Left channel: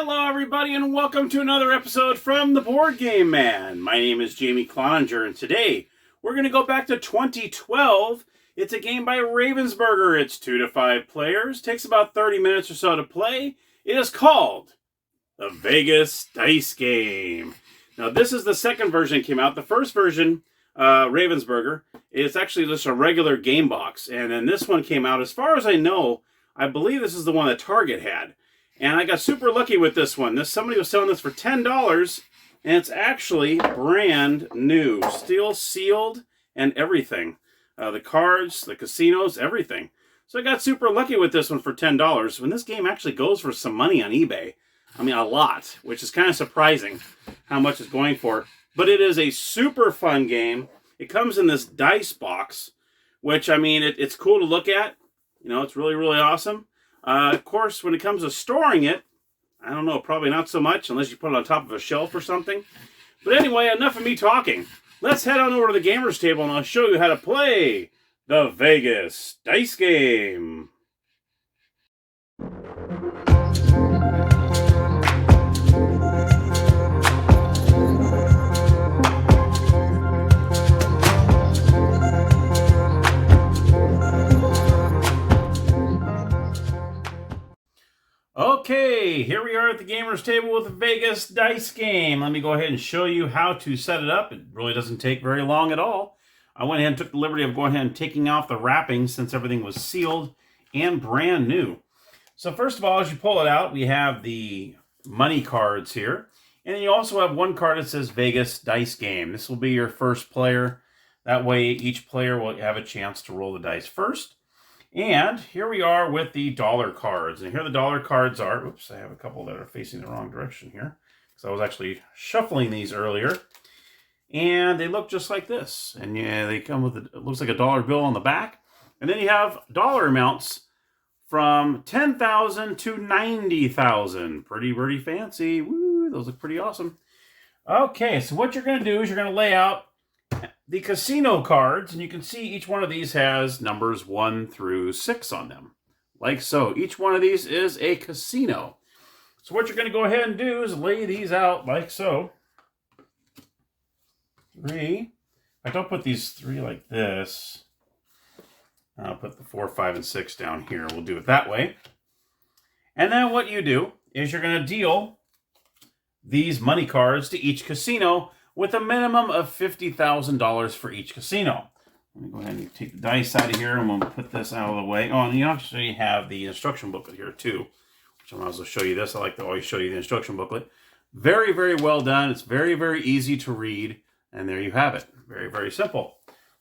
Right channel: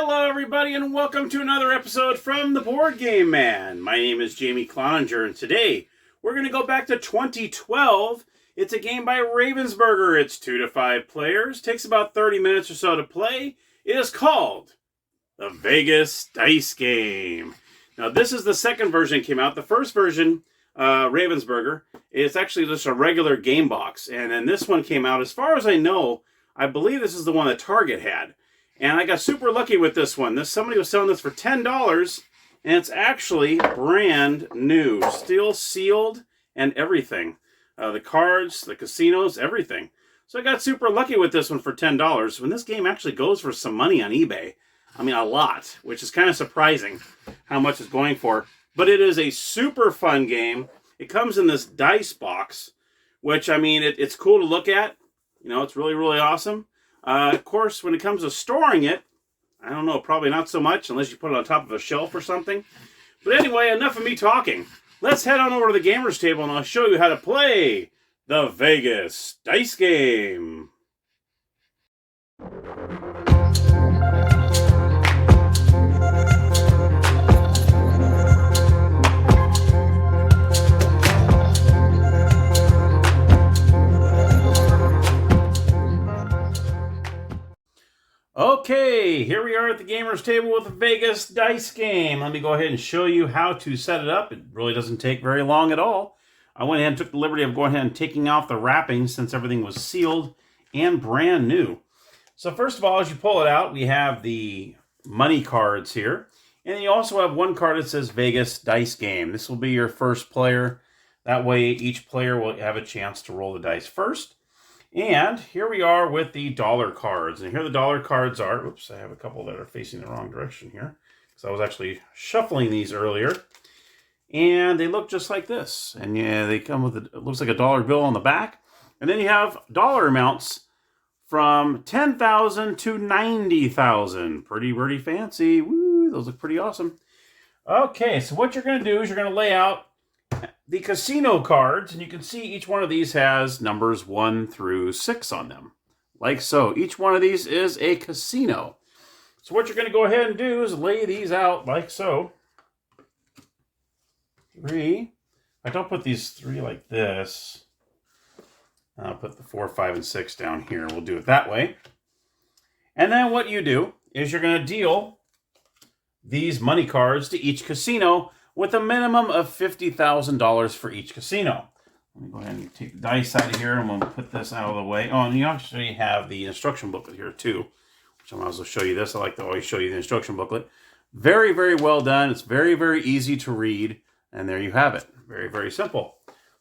Hello, everybody, and welcome to another episode from the Board Game Man. My name is Jamie Cloninger, and today we're going to go back to 2012. It's a game by Ravensburger. It's 2 to 5 players. Takes about 30 minutes or so to play. It is called the Vegas Dice Game. Now, this is the second version that came out. The first version, Ravensburger, it's actually just a regular game box. And then this one came out, as far as I know, I believe this is the one that Target had. And I got super lucky with this one. Somebody was selling this for $10, and it's actually brand new. Still sealed and everything. The cards, the casinos, everything. So I got super lucky with this one for $10. When this game actually goes for some money on eBay. I mean, a lot, which is kind of surprising how much it's going for. But it is a super fun game. It comes in this dice box, which, I mean, it's cool to look at. You know, it's really, really awesome. Of course, when it comes to storing it, I don't know, probably not so much unless you put it on top of a shelf or something. But anyway, enough of me talking. Let's head on over to the gamer's table and I'll show you how to play the Vegas Dice Game. Okay, here we are at the gamer's table with the Vegas Dice Game. Let me go ahead and show you how to set it up. It really doesn't take very long at all. I went ahead and took the liberty of going ahead and taking off the wrapping since everything was sealed and brand new. So first of all, as you pull it out, we have the money cards here. And you also have one card that says Vegas Dice Game. This will be your first player. That way each player will have a chance to roll the dice first. And here we are with the dollar cards. And here the dollar cards are. Oops, I have a couple that are facing the wrong direction here. So I was actually shuffling these earlier. And they look just like this. And yeah, they come with, it looks like a dollar bill on the back. And then you have dollar amounts from $10,000 to $90,000. Pretty fancy. Woo, those look pretty awesome. Okay, so what you're going to do is you're going to lay out the casino cards, and you can see each one of these has numbers 1 through 6 on them, like so. Each one of these is a casino. So what you're going to go ahead and do is lay these out like so. 3. I don't put these 3 like this. I'll put the 4, 5, and 6 down here. We'll do it that way. And then what you do is you're going to deal these money cards to each casino with a minimum of $50,000 for each casino. Let me go ahead and take the dice out of here, and we'll put this out of the way. Oh, and you actually have the instruction booklet here too, which I might as well show you this. I like to always show you the instruction booklet. Very, very well done. It's very, very easy to read, and there you have it. Very, very simple.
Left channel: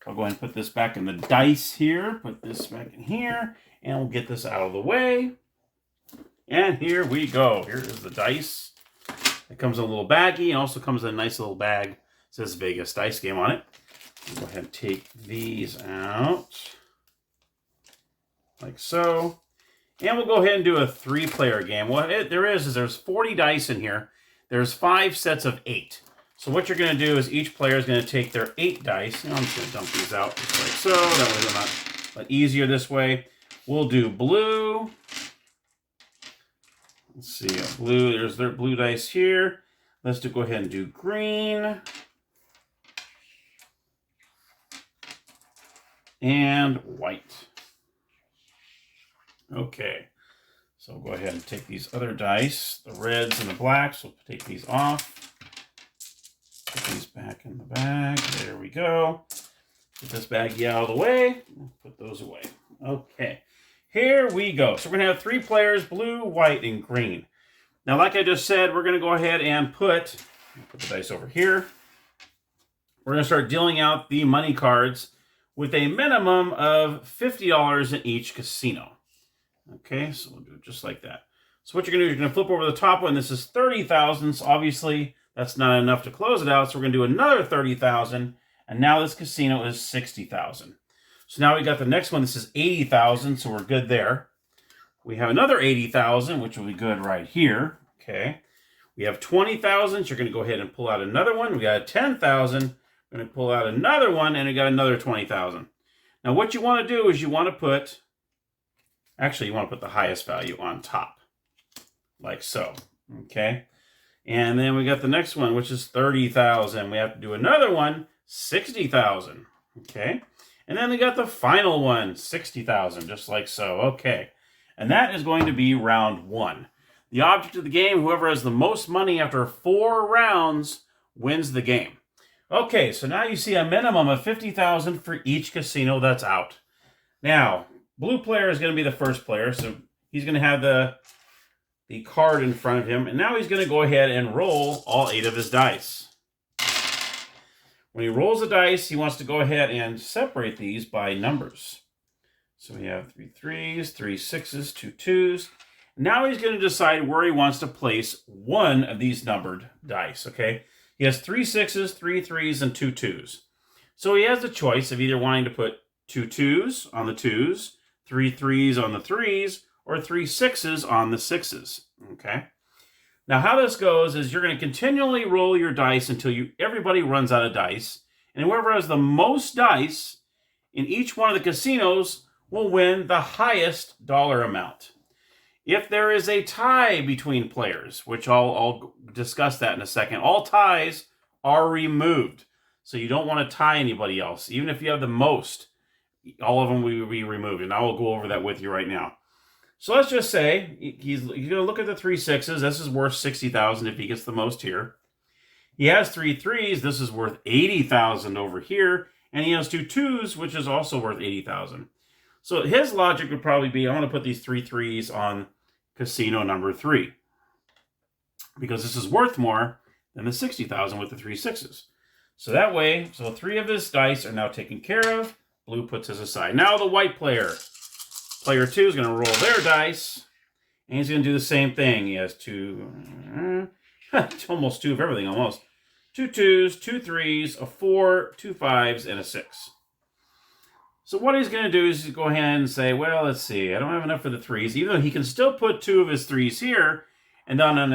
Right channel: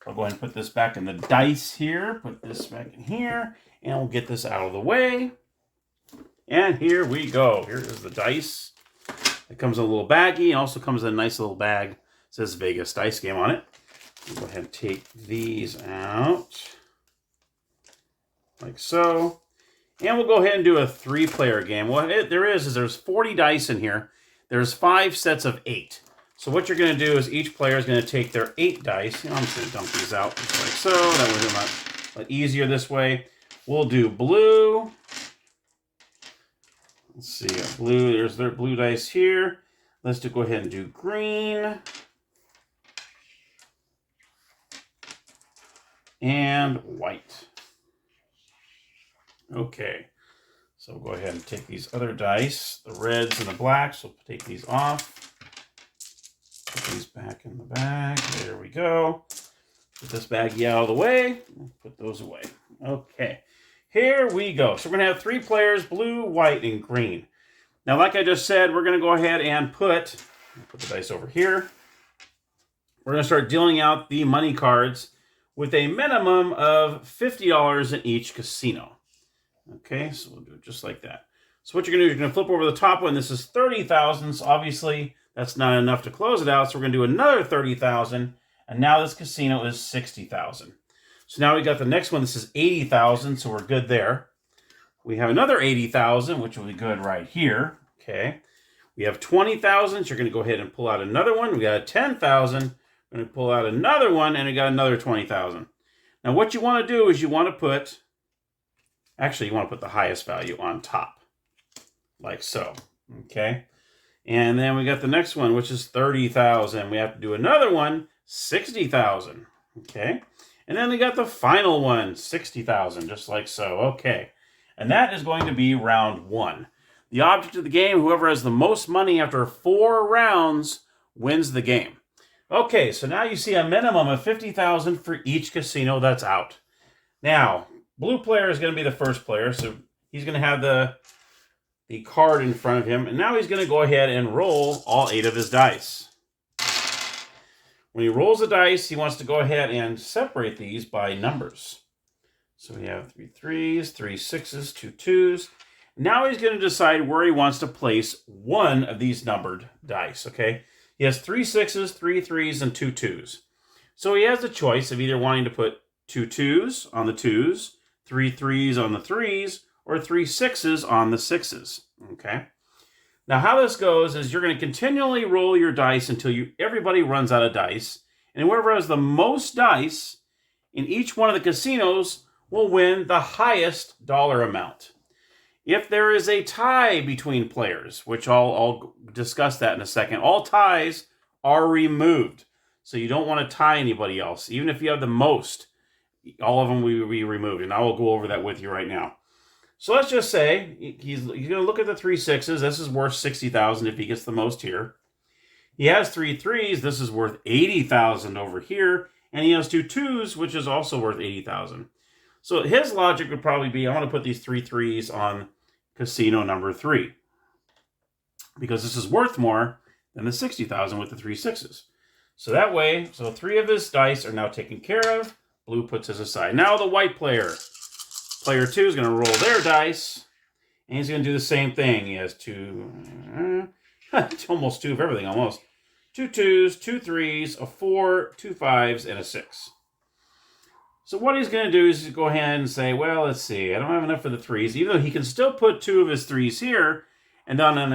I'll go ahead and put this back in the dice here, put this back in here, and we'll get this out of the way. And here we go. Here is the dice. It comes in a little baggie. It also comes in a nice little bag. It says Vegas Dice Game on it. Go ahead and take these out. Like so. And we'll go ahead and do a 3-player game. What there's 40 dice in here. There's 5 sets of 8. So what you're going to do is each player is going to take their 8 dice. I'm just going to dump these out just like so. That will be a lot easier this way. We'll do blue. Let's see, blue, there's their blue dice here. Let's go ahead and do green. And white. Okay, so we'll go ahead and take these other dice, the reds and the blacks. We'll take these off. Put these back in the bag. There we go. Put this baggie out of the way. Put those away. Okay. Here we go. So we're going to have 3 players, blue, white, and green. Now, like I just said, we're going to go ahead and put the dice over here. We're going to start dealing out the money cards with a minimum of $50 in each casino. Okay, so we'll do it just like that. So what you're going to do is you're going to flip over the top one. This is $30,000. So obviously, that's not enough to close it out. So we're going to do another $30,000. And now this casino is $60,000. So now we got the next one. This is $80,000, so we're good there. We have another $80,000, which will be good right here. Okay. We have $20,000, so you're going to go ahead and pull out another one. We got $10,000. We're going to pull out another one, and we got another $20,000. Now what you want to do is you want to put the highest value on top, like so. Okay. And then we got the next one, which is 30,000. We have to do another one, 60,000. Okay. And then we got the final one, 60,000, just like so. Okay. And that is going to be round 1. The object of the game, whoever has the most money after 4 rounds wins the game. Okay, so now you see a minimum of 50,000 for each casino that's out. Now, blue player is going to be the first player, so he's going to have the card in front of him, and now he's going to go ahead and roll all 8 of his dice. When he rolls the dice, he wants to go ahead and separate these by numbers. So we have 3 3s, 3 6s, 2 2s. Now he's going to decide where he wants to place one of these numbered dice, okay? He has 3 6s, 3 3s, and 2 2s. So he has the choice of either wanting to put 2 2s on the 2s, 3 3s on the 3s, or 3 6s on the 6s, okay? Now how this goes is you're going to continually roll your dice until everybody runs out of dice, and whoever has the most dice in each one of the casinos will win the highest dollar amount. If there is a tie between players, which I'll discuss that in a second, all ties are removed. So you don't want to tie anybody else. Even if you have the most, all of them will be removed. And I will go over that with you right now. So let's just say he's going to look at the 3 6s. This is worth 60,000 if he gets the most here. He has 3 3s. This is worth 80,000 over here. And he has 2 2s, which is also worth 80,000. So his logic would probably be, I want to put these 3 3s on casino number 3, because this is worth more than the 60,000 with the 3 6s. So that way, 3 of his dice are now taken care of. Blue puts his aside. Now the white player, player 2, is going to roll their dice, and he's going to do the same thing. He has 2, almost 2 of everything, almost. 2 2s, 2 3s, a 4, 2 5s, and a 6. So what he's going to do is go ahead and say, well, let's see, I don't have enough for the 3s, even though he can still put 2 of his 3s here, and then on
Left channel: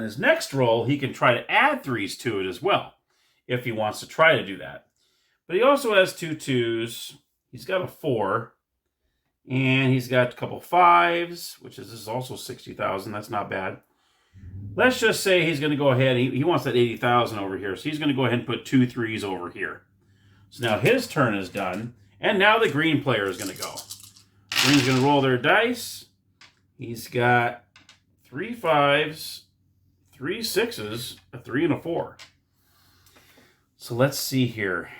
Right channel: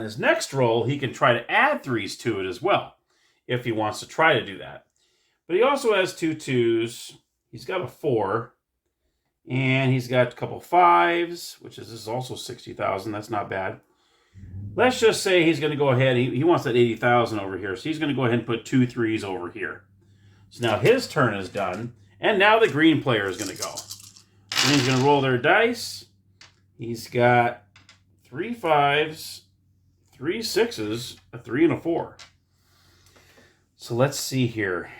his next roll, he can try to add 3s to it as well, if he wants to try to do that. But he also has 2 2s, he's got a 4, and he's got a couple 5s, which is also 60,000, that's not bad. Let's just say he's going to go ahead, he wants that 80,000 over here, so he's going to go ahead and put 2 3s over here. So now his turn is done. And now the green player is going to go. Green's going to roll their dice. He's got 3 5s, 3 6s, a 3, and a 4. So let's see here.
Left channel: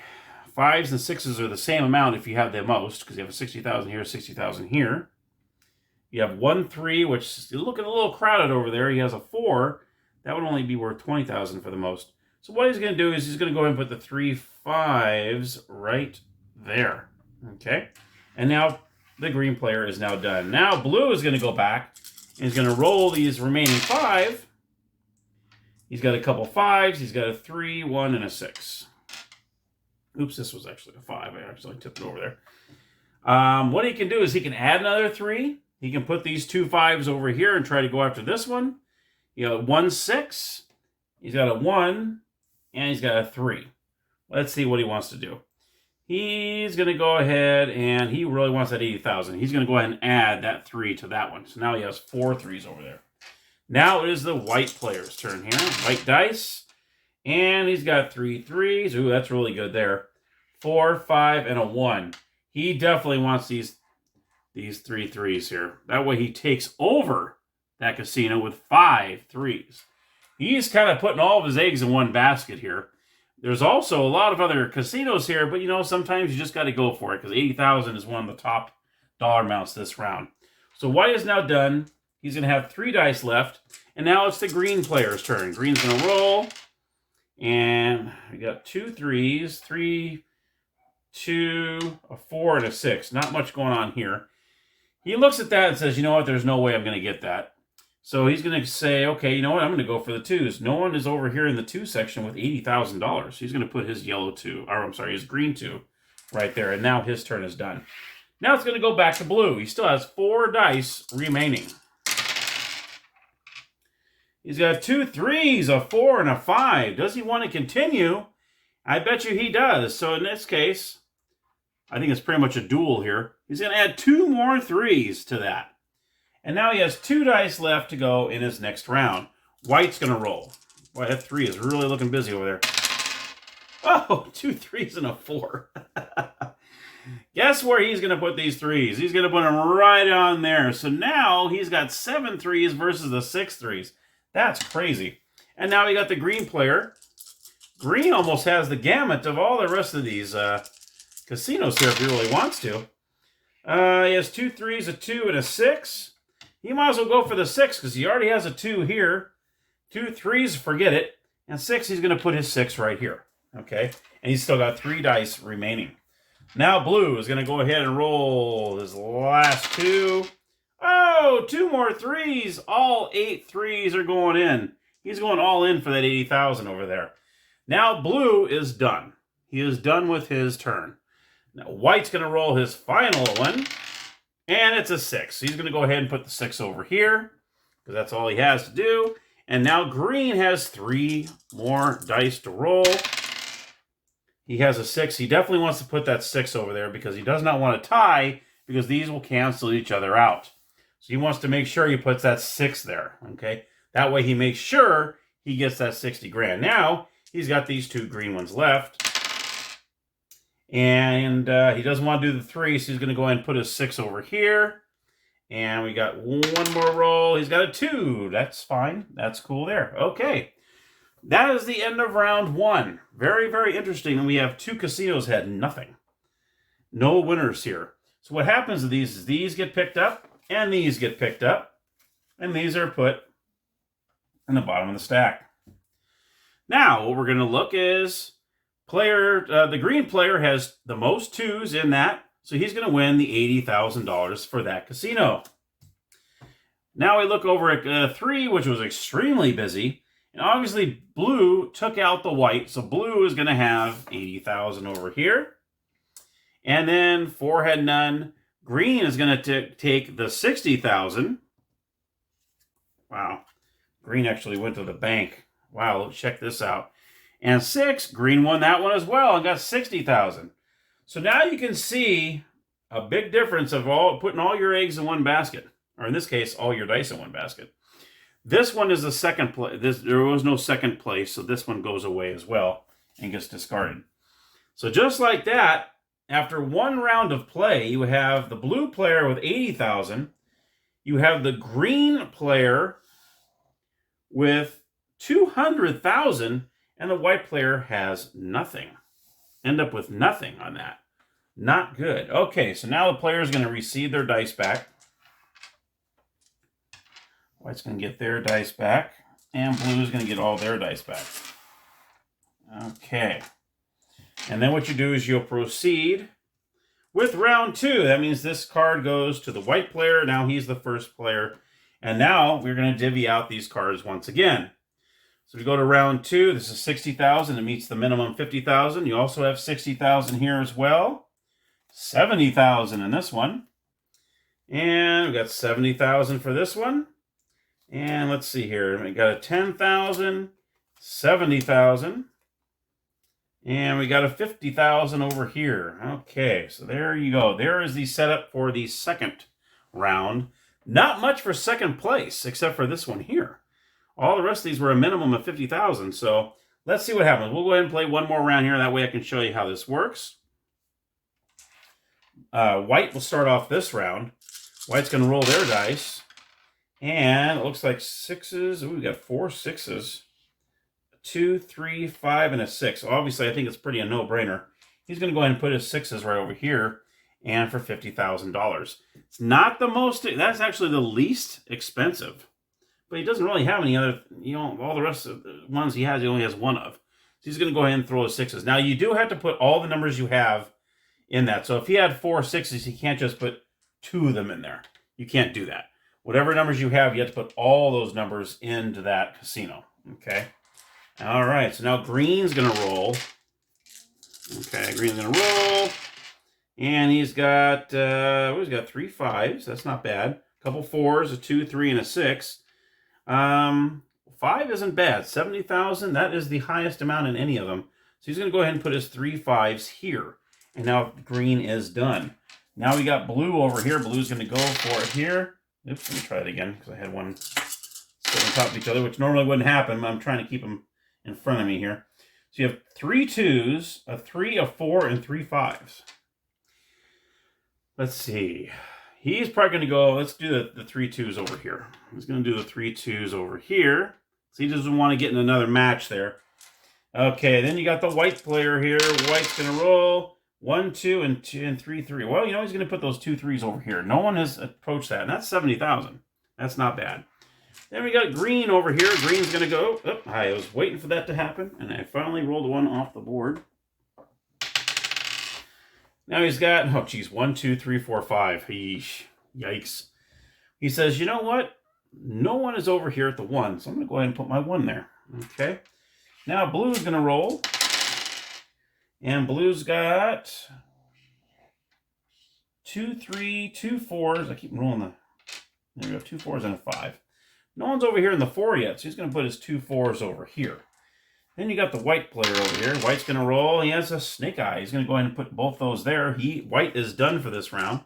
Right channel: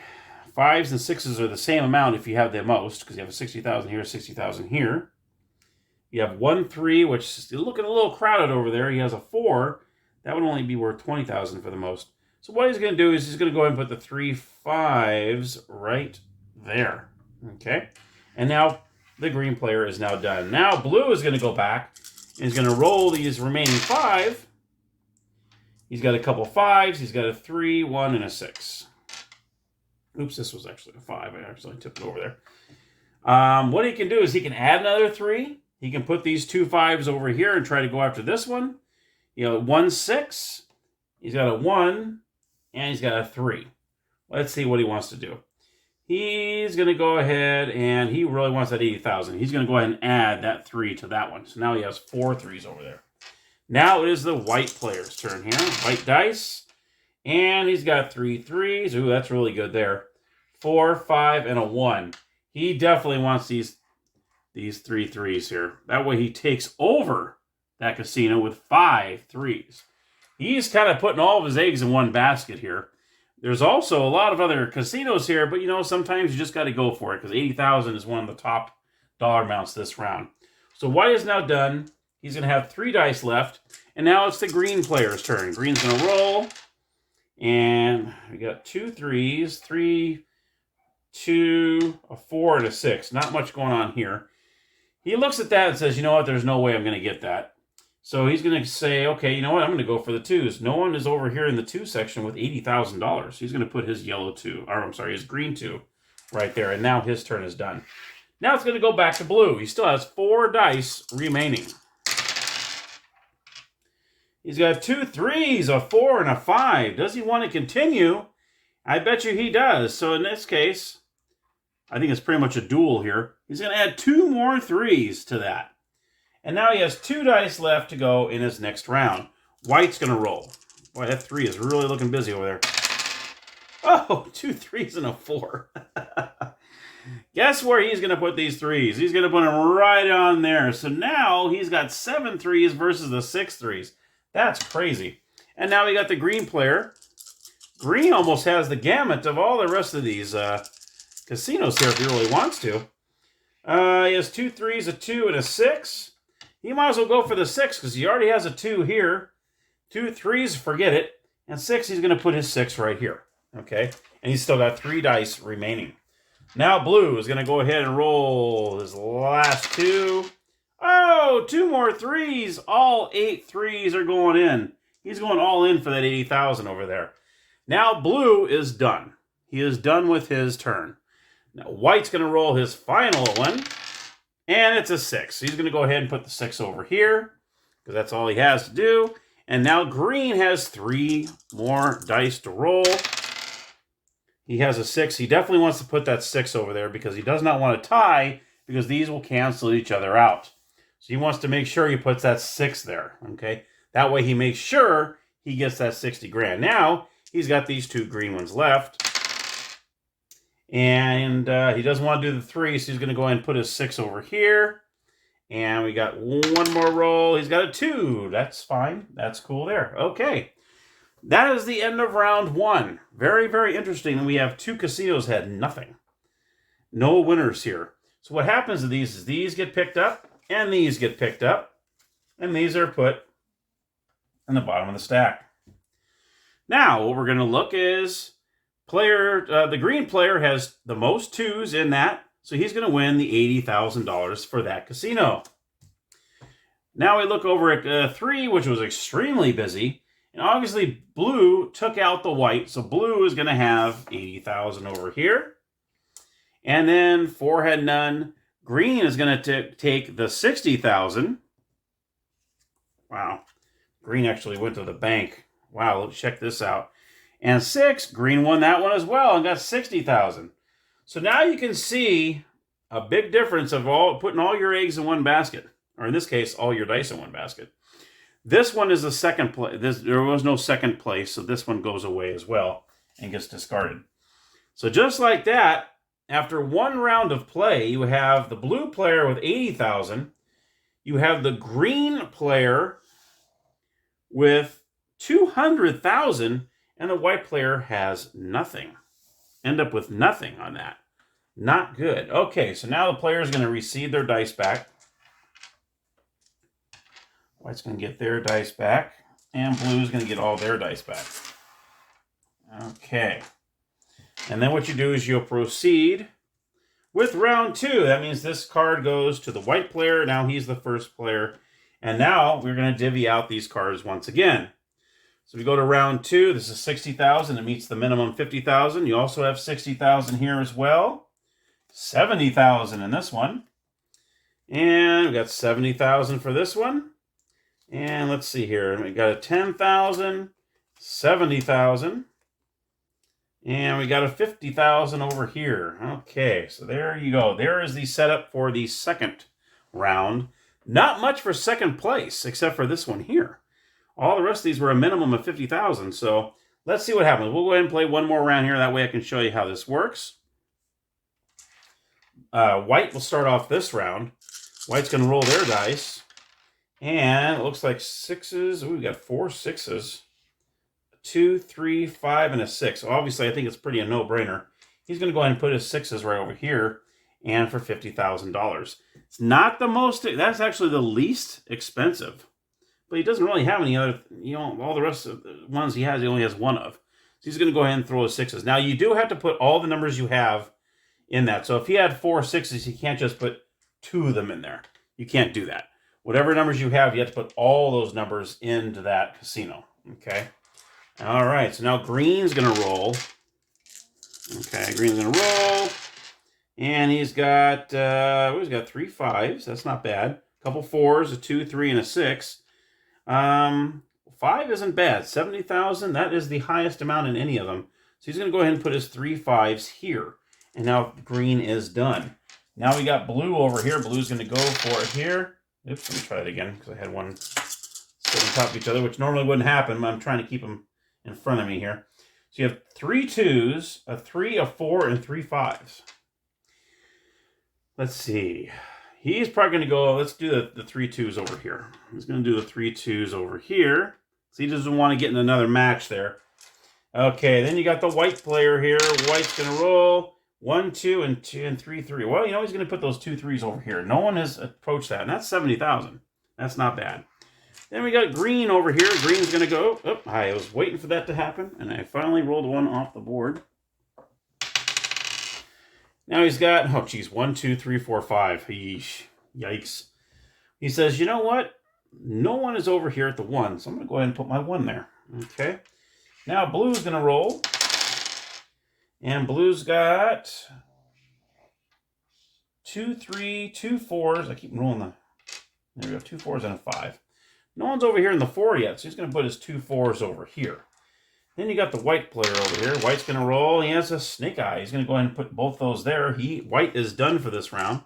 5s and 6s are the same amount if you have the most, because you have a 60,000 here, 60,000 here. You have 1 3, which is looking a little crowded over there. He has a 4. That would only be worth 20,000 for the most. So what he's going to do is he's going to go ahead and put the 3 5s right there. Okay, and now the green player is now done. Now blue is going to go back and he's going to roll these remaining 5. He's got a couple 5s. He's got a 3, 1, and a 6. Oops, this was actually a 5. I actually tipped it over there. What he can do is he can add another 3. He can put these 2 5s over here and try to go after this one. You know, 1 6. He's got a 1, and he's got a 3. Let's see what he wants to do. He's going to go ahead, and he really wants that 80,000. He's going to go ahead and add that 3 to that one. So now he has 4 3s over there. Now it is the white player's turn here. White dice. And he's got 3 3s. Ooh, that's really good there. 4, 5, and a 1. He definitely wants these 3 3s here. That way he takes over that casino with 5 3s. He's kind of putting all of his eggs in one basket here. There's also a lot of other casinos here, but, you know, sometimes you just got to go for it because 80,000 is one of the top dollar amounts this round. So white is now done. He's going to have 3 dice left, and now it's the green player's turn. Green's going to roll, and we got 2 3s, 3, 2, a 4, and a 6. Not much going on here. He looks at that and says, you know what, there's no way I'm going to get that. So he's going to say, okay, you know what, I'm going to go for the 2s. No one is over here in the 2 section with $80,000. He's going to put his yellow 2, or I'm sorry, his green 2 right there, and now his turn is done. Now it's going to go back to blue. He still has 4 dice remaining. He's got 2 3s, a 4, and a 5. Does he want to continue? I bet you he does. So in this case, I think it's pretty much a duel here. He's going to add 2 more 3s to that. And now he has 2 dice left to go in his next round. White's going to roll. Boy, that 3 is really looking busy over there. Oh, 2 3s and a 4. Guess where he's going to put these 3s? He's going to put them right on there. So now he's got 7 3s versus the 6 3s. That's crazy. And now we got the green player. Green almost has the gamut of all the rest of these casinos here if he really wants to. He has 2 3s, a 2, and a 6. He might as well go for the 6 because he already has a 2 here. 2 3s, forget it. And 6, he's going to put his 6 right here. Okay? And he's still got 3 dice remaining. Now blue is going to go ahead and roll his last 2. Oh, 2 more 3s. All 8 3s are going in. He's going all in for that 80,000 over there. Now blue is done. He is done with his turn. Now white's going to roll his final one. And it's a 6. So he's going to go ahead and put the 6 over here. Because that's all he has to do. And now green has 3 more dice to roll. He has a 6. He definitely wants to put that 6 over there because he does not want to tie because these will cancel each other out. So he wants to make sure he puts that 6 there. Okay. That way he makes sure he gets that 60 grand. Now he's got these 2 green ones left. And he doesn't want to do the 3, so he's going to go ahead and put his 6 over here. And we got 1 more roll. He's got a 2. That's fine. That's cool there. Okay. That is the end of round 1. Very, very interesting. And we have 2 casinos had nothing. No winners here. So what happens to these is these get picked up, and these get picked up, and these are put in the bottom of the stack. Now, what we're going to look is the green player has the most 2s in that, so he's going to win the $80,000 for that casino. Now we look over at 3, which was extremely busy, and obviously blue took out the white, so blue is going to have 80,000 over here. And then 4 had none. Green is going to take the 60,000. Wow. Green actually went to the bank. Wow, let's check this out. And 6, green won that one as well and got 60,000. So now you can see a big difference of putting all your eggs in one basket. Or in this case, all your dice in one basket. This one is the second place. There was no second place, so this one goes away as well and gets discarded. So just like that, after 1 round of play, you have the blue player with 80,000. You have the green player with 200,000, and the white player has nothing. End up with nothing on that. Not good. Okay, so now the player is going to receive their dice back. White's going to get their dice back, and blue is going to get all their dice back. Okay. And then what you do is you'll proceed with round 2. That means this card goes to the white player. Now he's the first player. And now we're going to divvy out these cards once again. So we go to round 2. This is 60,000. It meets the minimum 50,000. You also have 60,000 here as well. 70,000 in this one. And we got 70,000 for this one. And let's see here. We got a 10,000, 70,000. And we got a 50,000 over here. Okay, so there you go. There is the setup for the second round. Not much for second place, except for this one here. All the rest of these were a minimum of 50,000. So let's see what happens. We'll go ahead and play one more round here. That way I can show you how this works. White will start off this round. White's going to roll their dice. And it looks like 6s. Ooh, we got 4 6s. 2, 3, 5, and a 6. Obviously, I think it's pretty a no-brainer. He's going to go ahead and put his 6s right over here, and for $50,000. It's not the most. That's actually the least expensive, but he doesn't really have any other. All the rest of the ones he has, he only has 1 of. So he's going to go ahead and throw his 6s. Now you do have to put all the numbers you have in that. So if he had 4 6s, he can't just put 2 of them in there. You can't do that. Whatever numbers you have, you have to put all those numbers into that casino. Okay. All right, so now green's going to roll. Okay, green's going to roll. And he's got 3 5s. That's not bad. A couple 4s, a 2, 3, and a 6. 5 isn't bad. 70,000, that is the highest amount in any of them. So he's going to go ahead and put his 3 5s here. And now green is done. Now we got blue over here. Blue's going to go for it here. Oops, let me try it again because I had one sit on top of each other, which normally wouldn't happen. I'm trying to keep them in front of me here. So you have 3 2s, a 3, a 4, and 3 5s. Let's see. He's probably going to go, let's do the 3 2s over here. He's going to do the 3 2s over here. So he doesn't want to get in another match there. Okay, then you got the white player here. White's going to roll 1 2 and 2 and 3 3. Well, you know he's going to put those 2 3s over here. No one has approached that, and that's 70,000. That's not bad. Then we got green over here. Green's going to go. Oh, I was waiting for that to happen, and I finally rolled one off the board. Now he's got, oh geez, 1 2 3 4 5. Yeesh. Yikes. He says, you know what? No one is over here at the 1, so I'm going to go ahead and put my 1 there. Okay. Now blue's going to roll. And blue's got 2 3, 2 4s. I keep rolling the, there we go, 2 4s and a 5. No one's over here in the 4 yet, so he's going to put his 2 4s over here. Then you got the white player over here. White's going to roll. He has a snake eye. He's going to go ahead and put both those there. White is done for this round.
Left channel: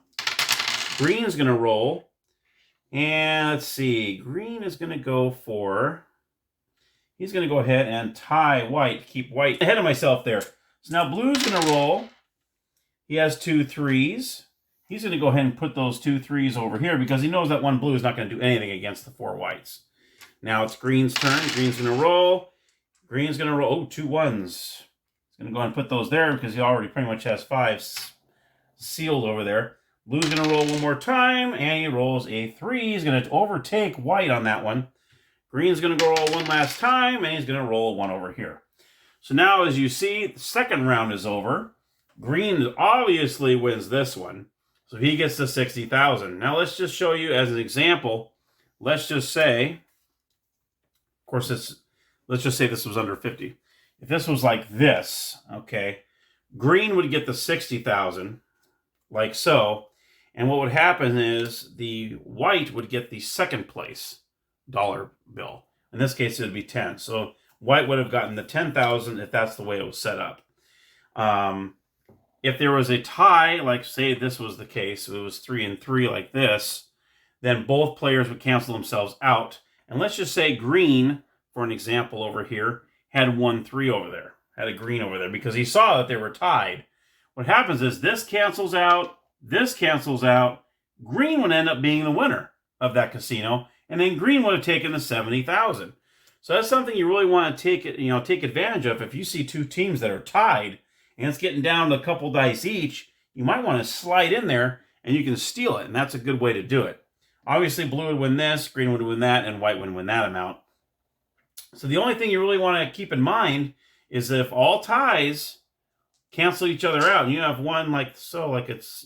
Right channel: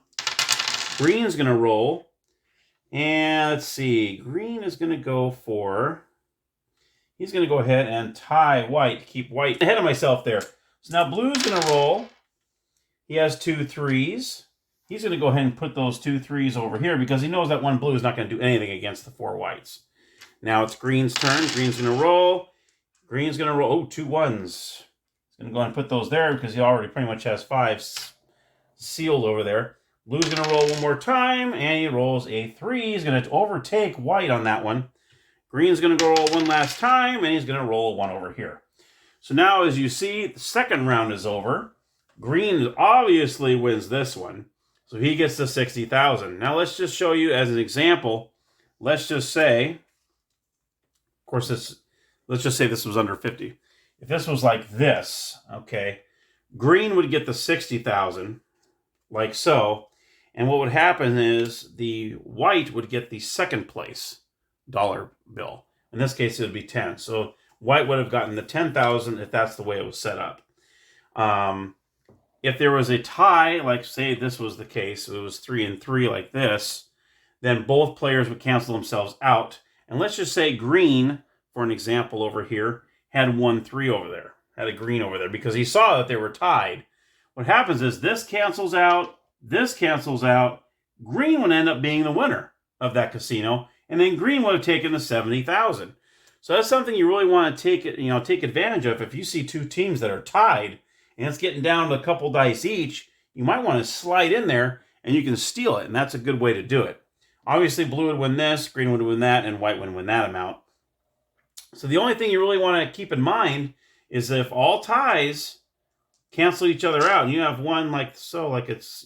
Green's going to roll. And let's see. Green is going to go for, he's going to go ahead and tie white. Keep white ahead of myself there. So now blue's going to roll. He has 2 3s. He's going to go ahead and put those 2 3s over here because he knows that one blue is not going to do anything against the 4 whites. Now it's green's turn. Green's going to roll. Green's going to roll. Oh, 2 1s. He's going to go ahead and put those there because he already pretty much has 5 sealed over there. Blue's going to roll one more time, and he rolls a 3. He's going to overtake white on that one. Green's going to go roll one last time, and he's going to roll 1 over here. So now, as you see, the second round is over. Green obviously wins this one, so he gets the 60,000. Now, let's just show you as an example. Let's just say, of course, let's just say this was under 50. If this was like this, okay, green would get the 60,000, like so. And what would happen is the white would get the second place dollar bill. In this case, it would be 10. So white would have gotten the 10,000 if that's the way it was set up. If there was a tie, like say this was the case, it was 3 and 3 like this, then both players would cancel themselves out. And let's just say green, for an example over here, had 1 3 over there, had a green over there, because he saw that they were tied. What happens is this cancels out, green would end up being the winner of that casino, and then green would have taken the 70,000. So that's something you really want to take advantage of. If you see 2 teams that are tied, and it's getting down to a couple dice each, you might want to slide in there, and you can steal it, and that's a good way to do it. Obviously, blue would win this, green would win that, and white would win that amount. So the only thing you really want to keep in mind is that if all ties cancel each other out, and you have one like so, like it's,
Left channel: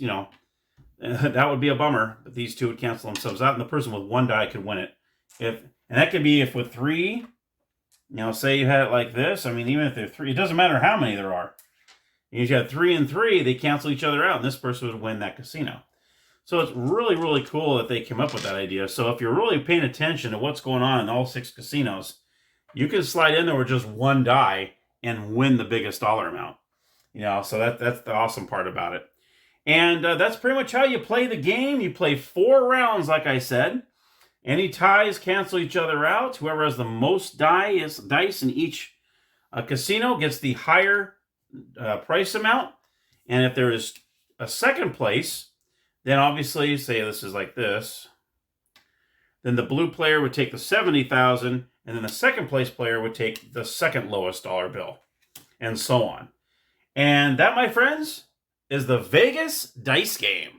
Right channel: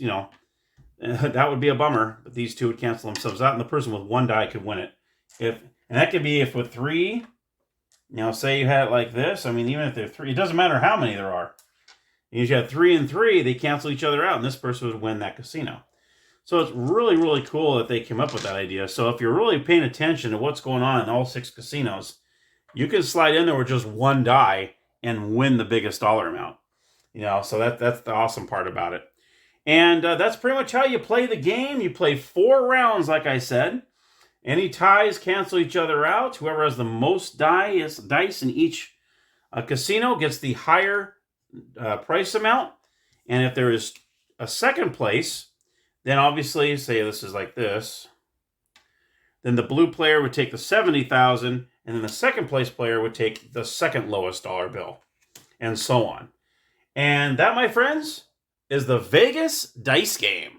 that would be a bummer, but these 2 would cancel themselves out, and the person with 1 die could win it. And that could be if with 3, say you had it like this. I mean, even if they're 3, it doesn't matter how many there are. If you had 3 and 3, they cancel each other out, and this person would win that casino. So it's really, really cool that they came up with that idea. So if you're really paying attention to what's going on in all 6 casinos, you can slide in there with just 1 die and win the biggest dollar amount. So that's the awesome part about it. And that's pretty much how you play the game. You play 4 rounds, like I said. Any ties cancel each other out. Whoever has the most dice in each casino gets the higher price amount. And if there is a second place, then obviously, say this is like this, then the blue player would take the 70,000, and then the second place player would take the second lowest dollar bill, and so on. And that, my friends, is the Vegas dice game.